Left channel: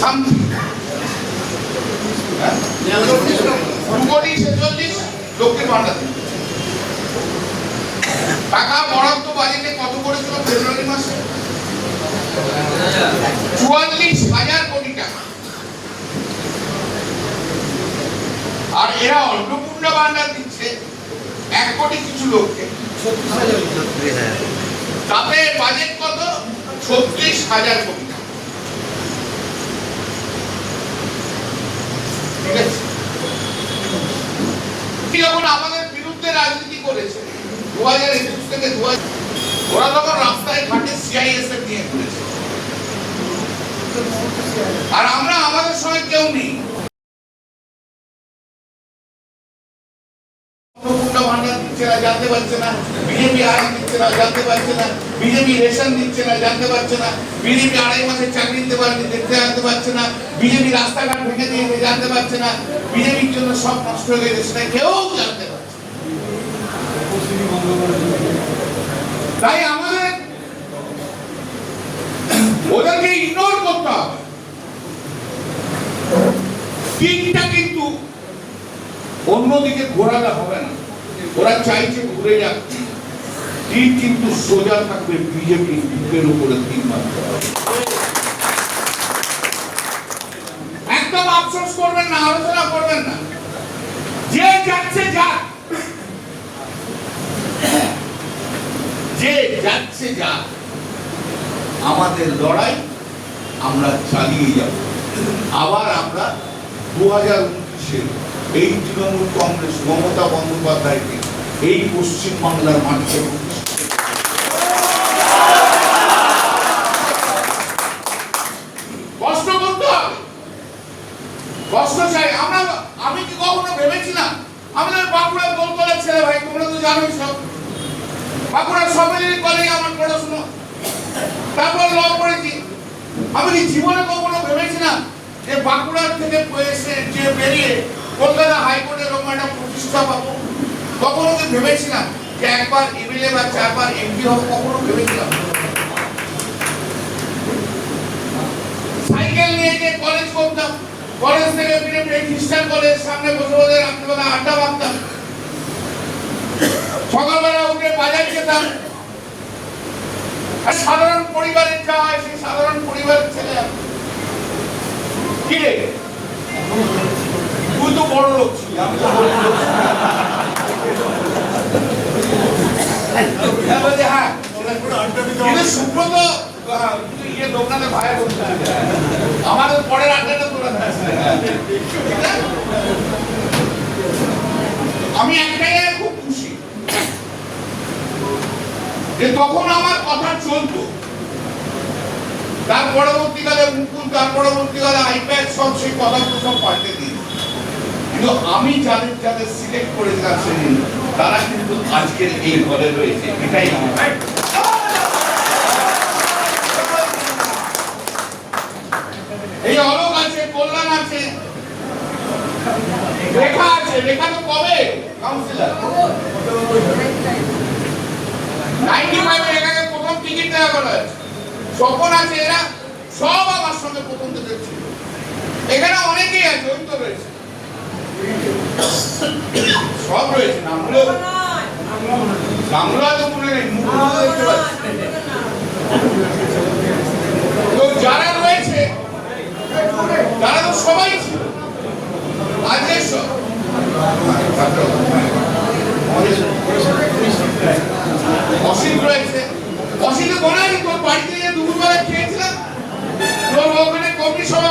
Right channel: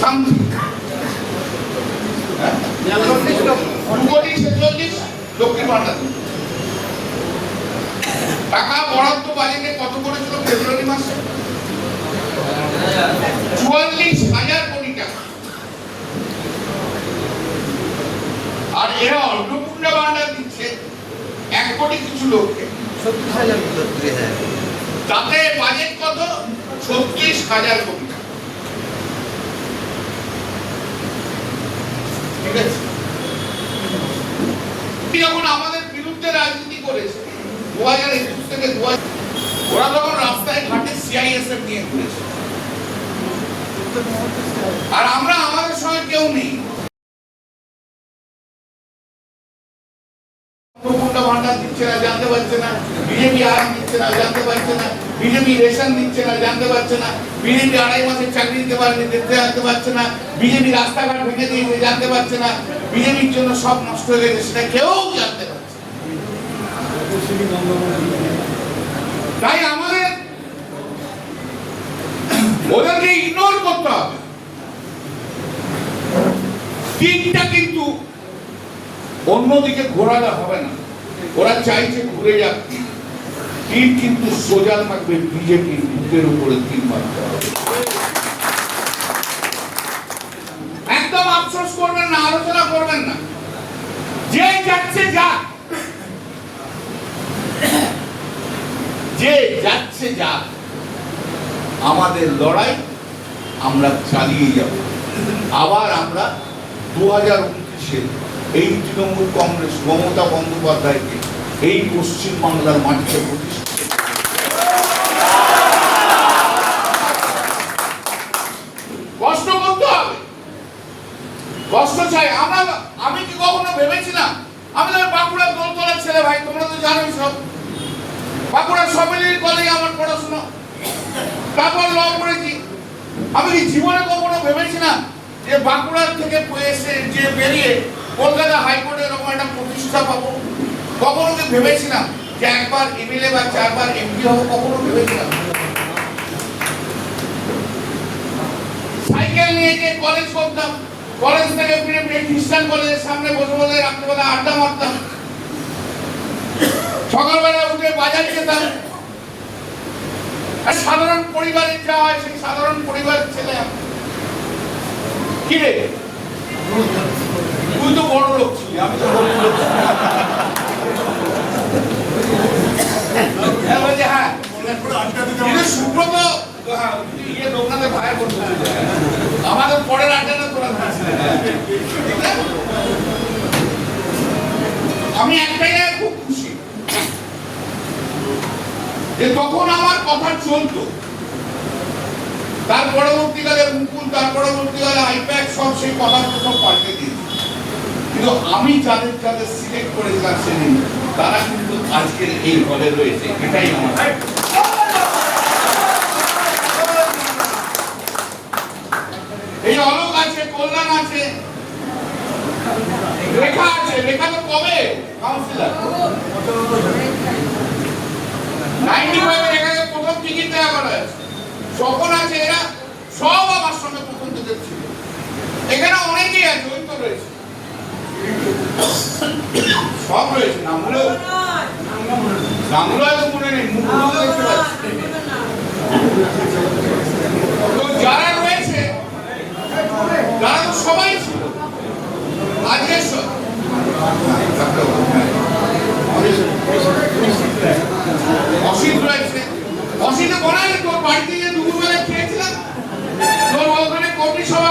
Something 2,46,00,000 লক্ষ্মীর ভান্ডার টাকা বরাদ্দ বাজেটে কত করেছিল ফেব্রুয়ারি মাসে? 44,000 কোটি টাকা। আর এরা অন্নপূর্ণা ভান্ডার দিচ্ছে 1 কোটি কিছু লোককে, তাতে বাজেট কত? 36,000 কোটি টাকা। ঠিক আছে, যখন আমাদের বিরুদ্ধে রাজনীতি করেছে 2021 থেকে 2000, ওরা তখন রাস্তায় ঘাটে সিআইএসএফ নিয়ে ঘুরেছে, আর আমরা আমাদের সঙ্গে কেউ নেই। ভান্ডার দিচ্ছে না, জানতে পারছে না। বিজেপি আরাম দিচ্ছে না, জানতে পারছে না। বিজেপি রেশন দিচ্ছে না, জানতে পারছে না। বিজেপি 2.5 মাসের চাকরি দিতে পারেনি, দেখতে জানতে পারছে না। বিজেপি রাস্তাঘাট ভেঙে দিয়েছে, জানতে পারছে না। বিজেপির জন্য সব নষ্ট হয়ে গেছে, সেটা কেউ জানতে পারছে। তাই আমাদের ওদেরকে ইগনোর করতে হবে। দিকটা কিন্তু অন্যদিকে ঘোরালে হবে না। ওরা চাইছে ঘুরে যাক, কিন্তু সোজা থাকবে বিজেপির বুকের উপরে 3 মাত্রা। একদম আফসোস করবেন না, আলোচনা করবেন না, যে যাচ্ছে যাক, যে যাচ্ছে যাক। আমাদের লড়াই আমরা চালিয়ে যাব। আবার আমরা 2029-এ এই তৃণমূল কংগ্রেস মমতা বন্দ্যোপাধ্যায়কে এই পশ্চিমবাংলার মাটিতে কষ্ট করতে হবে, কষ্ট চাই। আমি কি কখনো ভেবেছিলাম? আমি বাঁকুড়ার দোলতলার ছেলে, ভাই তোমরা তো জানোই সব। বাঁকুড়ার সবেলি কলেজে আমার পড়াশোনা, তারপর ল পড়েছি। আমি কি জীবনে কখনো ভেবেছিলাম যে বাঁকুড়ার থেকে এসে যে বেরিয়ে কলকাতা হাইকোর্টে এরকম একটা প্রতিষ্ঠা পাবো? কখনো কি ভেবেছিলাম যে একবার এমএলএ বা 4 বার এমপি হবো? কখনো ভেবেছিলাম? সাইকেল নিয়ে যে কলেজ করতাম, কলেজ থেকে ফিরে খ্রিস্টান কলেজের সামনে বসে বসে রাত্রিবেলা আড্ডা মারতাম, সকালবেলা উঠে বাজার যেতাম। সাধারণ পরিবারের যায়, সেই সাধারণ পরিবারের ছেলে। কি রে, তুই তো বড় লোক ছিলি, আমি তো বড় লোক। হ্যাঁ, সুব্রত লোকনাথ ভাইয়ের বলছে আমাদের পরের আড্ডাটা তোরা। আমি একটাই খুব খুশি যে তখন আমার কথা চলতো, তার পরবর্তীকালে মুকুল, তার পরবর্তীকালে আইপ্যাক, সব সেই কথাগুলো সব পাল্টে দিয়েছে। কিন্তু আমি যাদের যাদের সিলেক্ট করেছিলাম সেদিন, তারা কিন্তু আজকের এই ঘরে রয়েছে। এটাই আমার এই অলোক আছে, কল্যাণ আছে, রেখা আছে। রেখা তো কবে কাউন্সিলর? 95-এ রেখাকে প্রথম টিকিট দেওয়া করা হয়েছে। স্বপন আছে, এরা সব আমার সঙ্গে প্রথম থেকে ছিল। এখানে অনেকেই আছে, ওই তো রয়েছে, সব রয়েছে। নামগুলো তো মনে নেই, মুখগুলো দেখতে পাচ্ছি। তো যারা রয়েছে, তারা তো সবাই ছিল। আজকে অসিত রয়েছে। অসিত বলে তোর বাড়িতে যে দুপুরবেলা খেয়েছিলাম, তোর ওখানে কর্মী সভা